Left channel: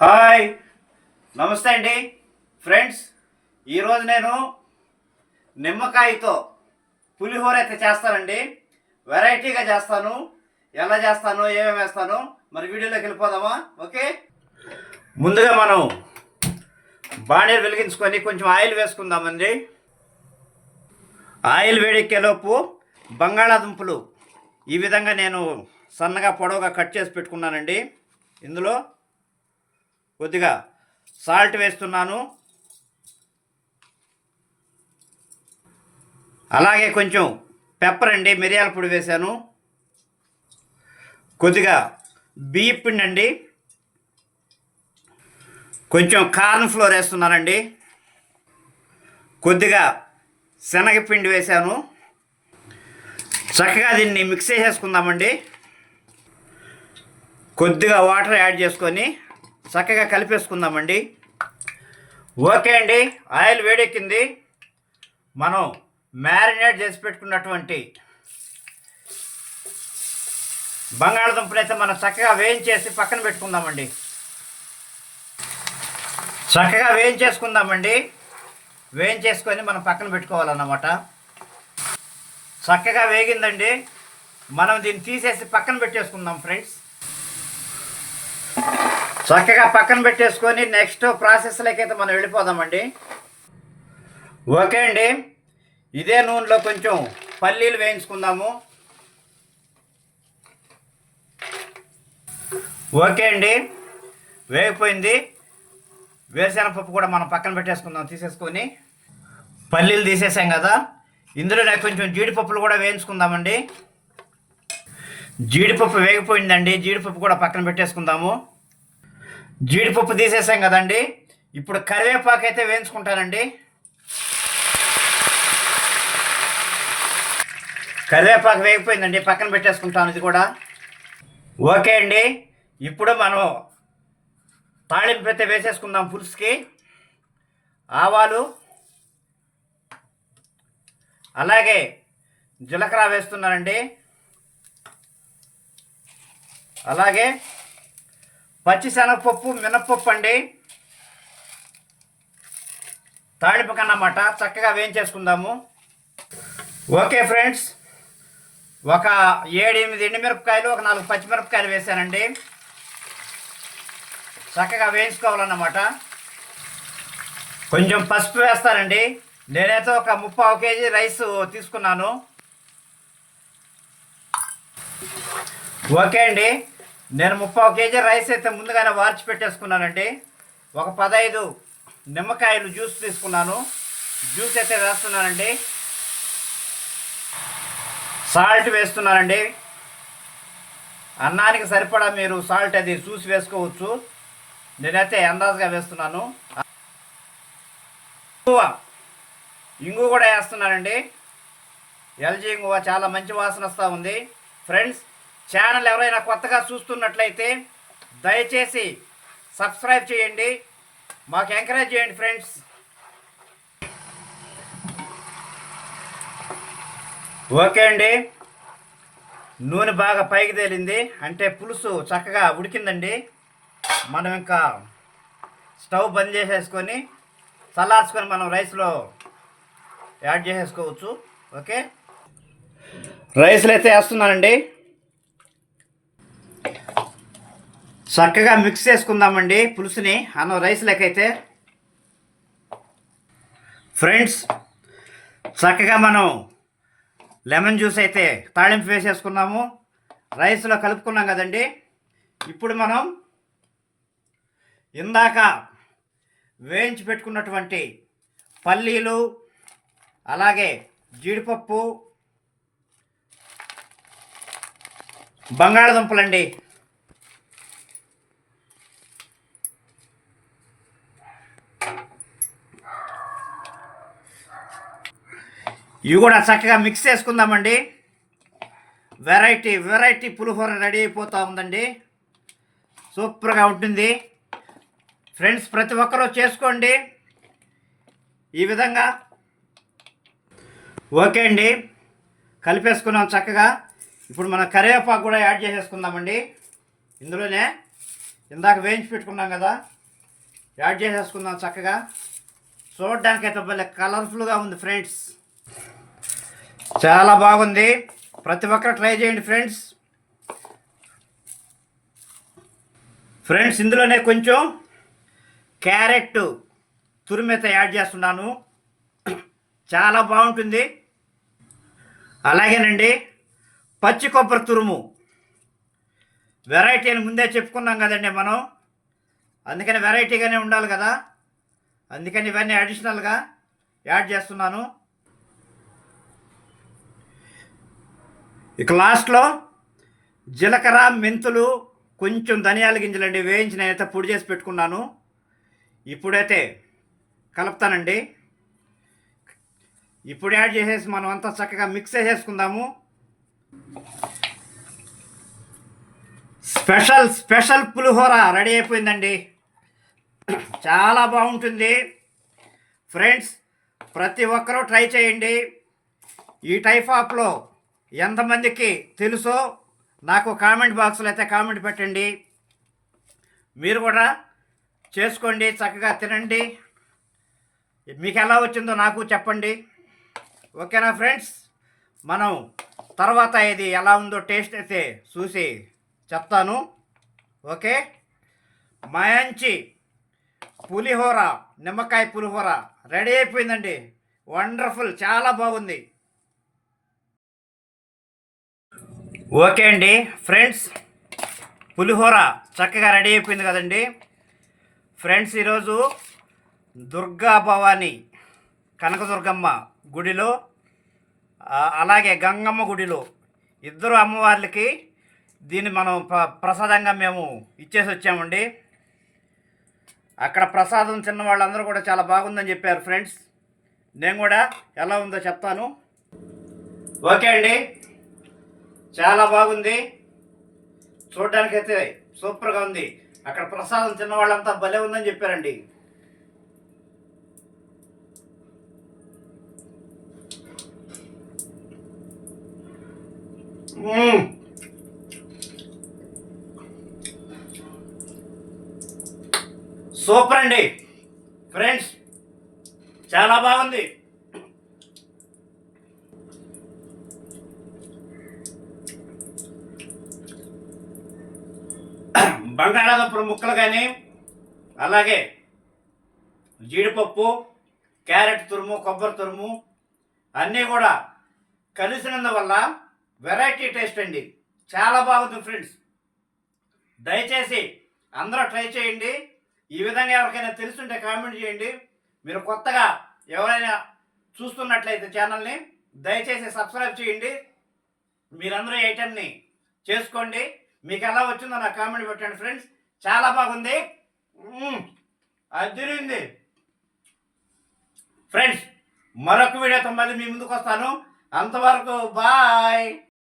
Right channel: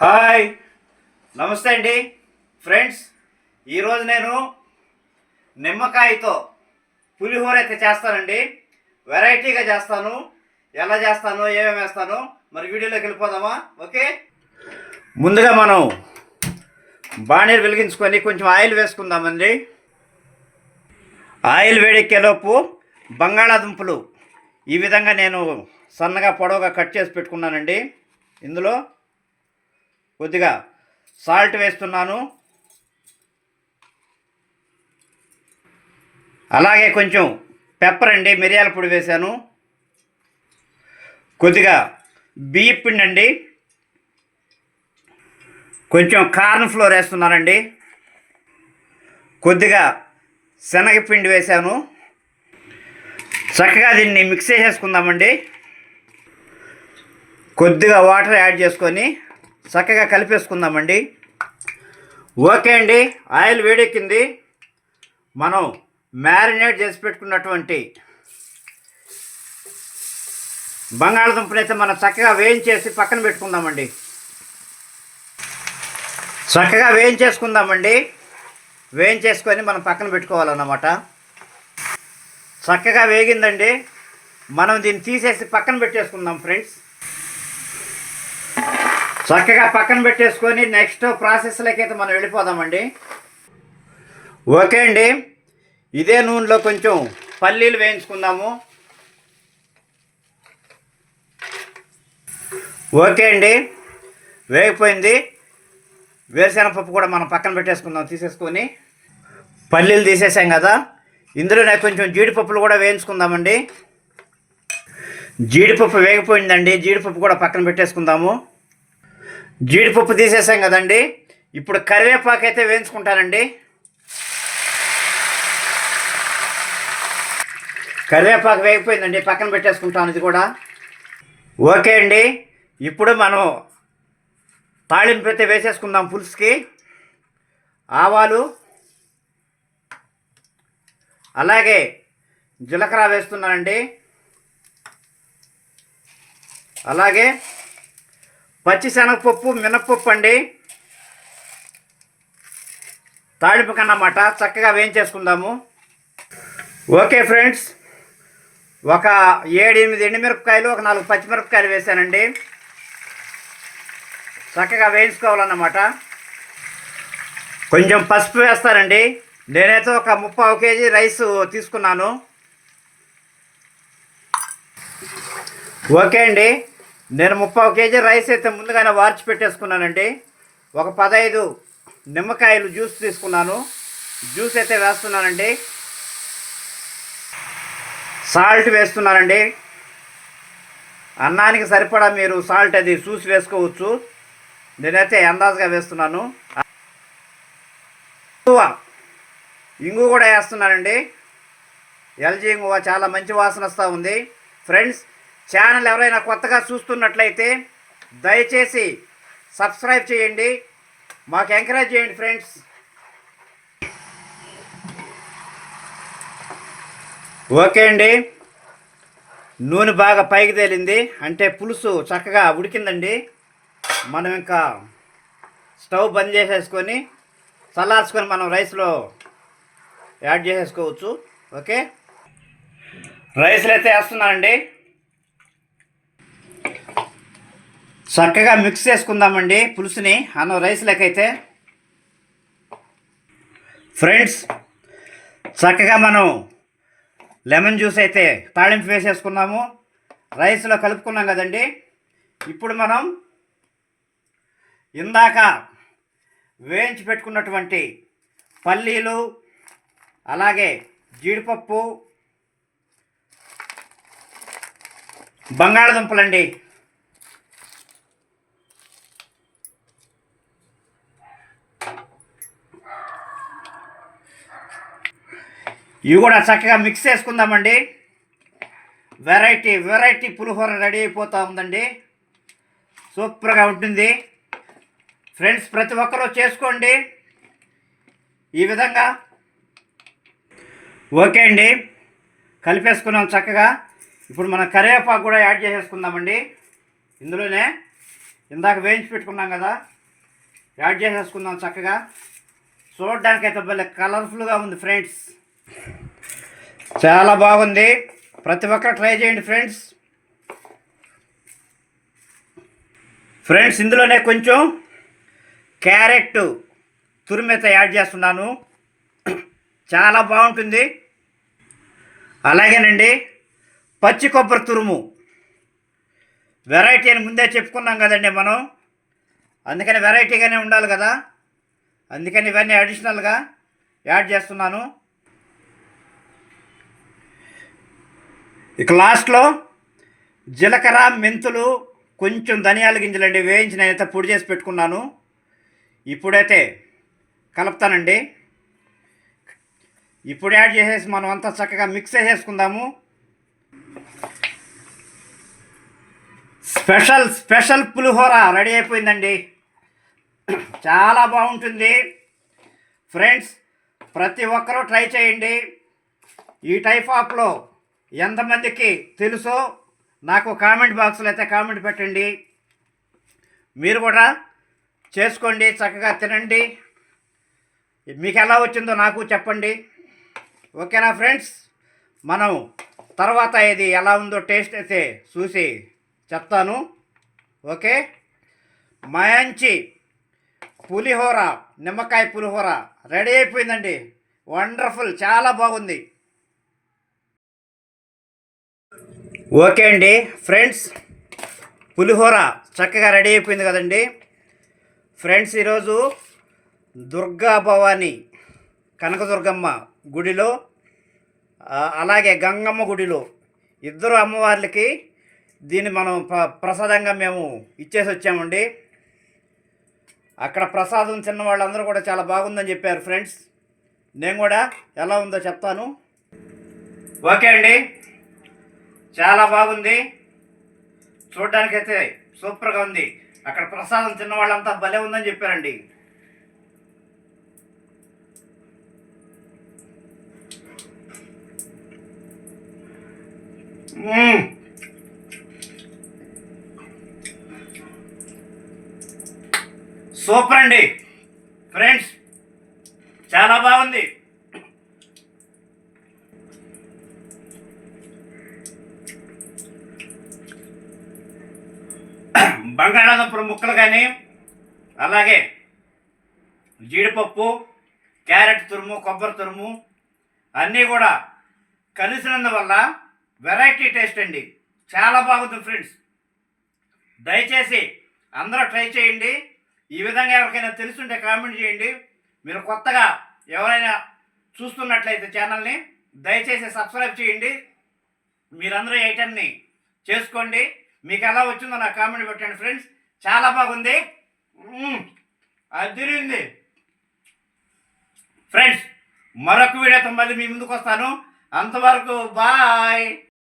Hi, నమస్తే అండి friends. ఈరోజు నేను నిమ్మకాయతో పులిహోర అయితే చేస్తానండి. వెరైటీగా చేస్తాను. ఎలా చేస్తాను, ఏమేమి వేస్తాను, మరి వీడియోలోకి వెళ్ళిపోదామా? ఓకే, ముందుగా మనం బాణీలు వెలిగించుకొని కొంచెం ఆయిల్ వేసుకుందామండి. ఆయిల్ వేడెక్కేలోపు బంగాళాదుంపలు ఈ విధంగా నేను సన్నగా పొడవుగా కట్ చేసి పెట్టుకున్నానండి. ఇందులో కొద్దిగా సాల్ట్ వేస్తున్నాను. అలాగే కొంచెం పెప్పర్ అండి, మిరియాల పొడి వేశాను. కొద్దిగా బియ్యం పిండి అండి, కొంచెం కార్న్ ఫ్లోర్ వేస్తున్నానండి, కొద్దిగా శనగపిండి వేశాను. చక్కగా దీన్ని మిక్స్ చేసేసుకుందామండి. కొద్దిగా వాటర్ యాడ్ చేసుకొని చక్కగా కలిపేసుకుందామండి. ఓకే అండి, ఆయిల్ వేడెక్కింది. మనం మ్యారినేట్ చేసి పెట్టుకున్నటువంటి బంగాళదుంపలు అయితే మనం చక్కగా వేయించేసి పక్కన పెట్టుకుందామండి. చక్కగా వేయించేసుకొని మనం పక్కన పెట్టుకోవాలన్నమాట. చక్కగా వేగిందండి, మనం దీన్ని తీసేసి పక్కన పెట్టేసుకుందాం ఫ్రెండ్స్. చక్కగా పక్కన పెట్టేసుకొని నెక్స్ట్ ప్రాసెస్లోకి అయితే మనం వెళ్ళిపోదామండి. ఓకే అండి, ఇదే నూనెలో కొంచెం పల్లీలు వేయించుకుందాము. ఓకే అండి, వేగిపోయింది. వేరుశనగపప్పు కూడా మనం పక్కన పెట్టేసుకుందాం. తీసేసుకొని పల్లీలు తీసేసాం కదా, ఇందులోనే కొంచెం జీడిపప్పులు కూడా వేయించుకుందామండి. జీడిపప్పు వేగిపోయిందండి, జీడిపప్పు కూడా పక్కన పెట్టేసుకుందాము. జీడిపప్పు తీసేసాం కదండి, ఇప్పుడు కరివేపాకు అయితే వేయించుకుంటానండి. కరివేపాకు వేగిపోయిందండి, పక్కన పెట్టేసుకుంటాను ఇది కూడా. ఓకే అండి, ఇప్పుడు మనం తాళింపు అయితే వేసేసుకుందాం. పులుసుకి ఆవాలు అలాగే జీలకర్ర వేస్తున్నానండి. అలాగే పచ్చిశనగపప్పు, మినప్పప్పు అండి, తాళింపు కన్నమాట. చక్కగా వేయించేసుకుందాము. ఓకే ఫ్రెండ్స్, ఒక 7-8 ఎండుమిరపకాయలు, ఒక 4 పచ్చిమిరపకాయలు వేసానండి. చక్కగా వేయించుకోవాలన్నమాట. కొంచెం పసుపు వేస్తానండి. నేనైతే ఒక 30 కేజీ రైస్ తీసుకున్నాను. ఓకే అండి, నేను 30 కేజీ రైస్ అయితే ముందుగానే వార్చి పెట్టేసుకున్నానండి. ఒక 15 నిమ్మకాయలు జ్యూస్ తీసుకున్నాను. జ్యూస్ అయితే వేస్తున్నానండి. సాల్ట్ వేస్తున్నానండి. అన్నానికి సరిపడా మీరు సాల్ట్ అది చూసి వేసుకోవచ్చు. నేనైతే అందాజుగా వేస్తున్నాను. ఇంగు కూడా వేస్తున్నానండి. ఎల్జీ ఇంగువ చాలా మంచి వాసన వస్తూ ఉంది. ఫ్రెండ్స్, ఛానల్ ఎవరైనా కొత్తగా చూస్తున్నట్లయితే దయచేసి సబ్స్క్రైబ్ చేయండి, మాకు ఎంకరేజ్ చేయండి ఫ్రెండ్స్. ఓకే అండి, నూనె బాగా పైకి తేలింది అంటే పులుసు చక్కగా ఉడికిందండి. మనం ఇంకా స్టవ్ బంద్ చేసేసుకొని చల్లార్చుకొని మనం రైస్లో యాడ్ చేసేసుకోవచ్చు. ఓకే, రైస్లు అయితే వేస్తున్నానండి. చక్కగా మిక్స్ చేసుకుందామండి పులుసుని అన్నం రైస్లకైతే. ఫ్రెండ్స్, చక్కగా మనం లెమన్ జ్యూస్ అయితే తాళింపు వేసేసుకున్నాము. రైస్లో కలుపుకున్నాం కదండి. ఇప్పుడు మనం ఇందాక వేయించి పెట్టుకున్నటువంటి పల్లీలు అలాగే జీడిపప్పు, బంగాళదుంపలండి, ఇవి కూడా చక్కగా మిక్స్ చేసుకుందామండి. వెరైటీ పులిహోర రెడీ అయిపోతూ ఉందండి. సూపర్గా ఉంటుంది ఫ్రెండ్స్, ప్రతి ఒక్కరూ చేసుకోండి ఈ విధంగా. ఓకే అండి, కలిపేసుకున్నాం చక్కగా. ఇప్పుడు మనం కరివేపాకు కూడా యాడ్ చేసేసుకుందామండి ఇందులోనే. ఇందాక వేయించి పెట్టుకున్నాం కదా, యాడ్ చేసేసుకుందాం చక్కగా. చూడడానికైతే భలే కలర్ఫుల్గా ఉంది ఫ్రెండ్స్, చాలా బాగుంది. ప్రతి ఒక్కరు ట్రై చేయండి ఫ్రెండ్స్. ఫ్రెండ్స్ ఇందులోనే కొంచెం క్యారెట్ తురిమేత యాడ్ చేస్తున్నాను, చాలా బాగుంటుంది. అలాగేనండి పచ్చి కొబ్బరి తురుము, వెరైటీ అని ముందే చెప్పుకున్నాం కదండి మనం, అందుకని వెరైటీగానే ఉండాలి కదా, అందుకని ఇవన్నీ అడిషనల్గా యాడ్ చేస్తున్నాను. ఇక లాస్ట్లో జీలకర్ర, మెంతులు, కొంచెం ధనియాల గింజలండి వేయించి నేనైతే పొడి చేసి పెట్టుకున్నాను. ఇప్పుడైతే కలుపుతానండి. ఇప్పుడు యాడ్ చేసేసి మనం అంతా చక్కగా మిక్స్ చేసేసుకుందాము. స్పెషల్ పులిహోర రెడీ అయిపోయిందండి, చాలా బాగుంటుంది ఫ్రెండ్స్. ప్రతి ఒక్కరూ ట్రై చేయండి. ఈ టైప్ ఆఫ్లో ఎంతమందికి తెలుసో నాకు కామెంట్ బాక్స్లో అయితే కామెంట్ పెట్టండి. మీరు కూడా చేసుకోండి, చక్కగా తినండి. మీకు ఎలా వచ్చిందో నాకు చెప్పండి. ఓకేనా ఫ్రెండ్స్, మనం తర్వాత ఇది ఎలా ఉందో టేస్ట్ అయితే చూసి చెప్తాను. ఓకే, మంచి పులిహోర, నిమ్మకాయ పులిహోర రెడీ అయిపోయిందండి. వండర్ఫుల్, చాలా బాగుంది. ఓకే అండి ఫ్రెండ్స్, పులిహోర చక్కగా రెడీ అయిపోయింది కదండి ఫ్రెండ్స్. ఈరోజు దుర్గా భవాని కనకదుర్గమ్మ గుడిలో అలాగే గంగమ్మ గుడిలో ఇద్దరు అమ్మవార్లకి దీన్ని మనం ప్రసాదంగా మేము ఇచ్చేసి వచ్చామండి. అక్కడ ప్రసాదం తిన్న వాళ్ళందరూ కూడా చాలా బాగుందని చెప్పారు ఫ్రెండ్స్. నేను కూడా ఎలా ఉందో చెప్తాను. ఓకే అండి, చాలా బాగుంది, చూడడానికైతే సూపర్గా ఉంది. అక్కడ ప్రసాదం తిన్న వాళ్ళంతా భలే ఉందని చెప్పారండి. సూపర్ అండి ఫ్రెండ్స్, చాలా బాగుంది. బంగాళాదుంపల ముక్కలు కానీ, అలాగే జీడిపప్పు, క్యారెట్ తురుము, కొబ్బరి తురుము అన్నీ కూడా కలిసినందువల్ల వెరైటీ టేస్ట్ అండి, చాలా బాగుంది ఫ్రెండ్స్. దయచేసి అందరూ ట్రై చేయండి. ఈ విధంగా ఎవరికైనా తెలుసుంటే కామెంట్ చేయండి. మీరు కొత్తగా ఎవరైనా చూస్తున్నట్లయితే ఛానల్ని దయచేసి సబ్స్క్రైబ్ చేయండి. మీరందరూ ఈ ఐటెంని చేసుకోండి. మీకు ఎలా వచ్చిందో నాకు కామెంట్ పెట్టండి ఫ్రెండ్స్. చాలా బాగుంది, అదిరింది ఫ్రెండ్స్. మరొక వీడియోతో మళ్ళీ మీ ముందుకు వస్తాను. అంతవరకు బాయ్.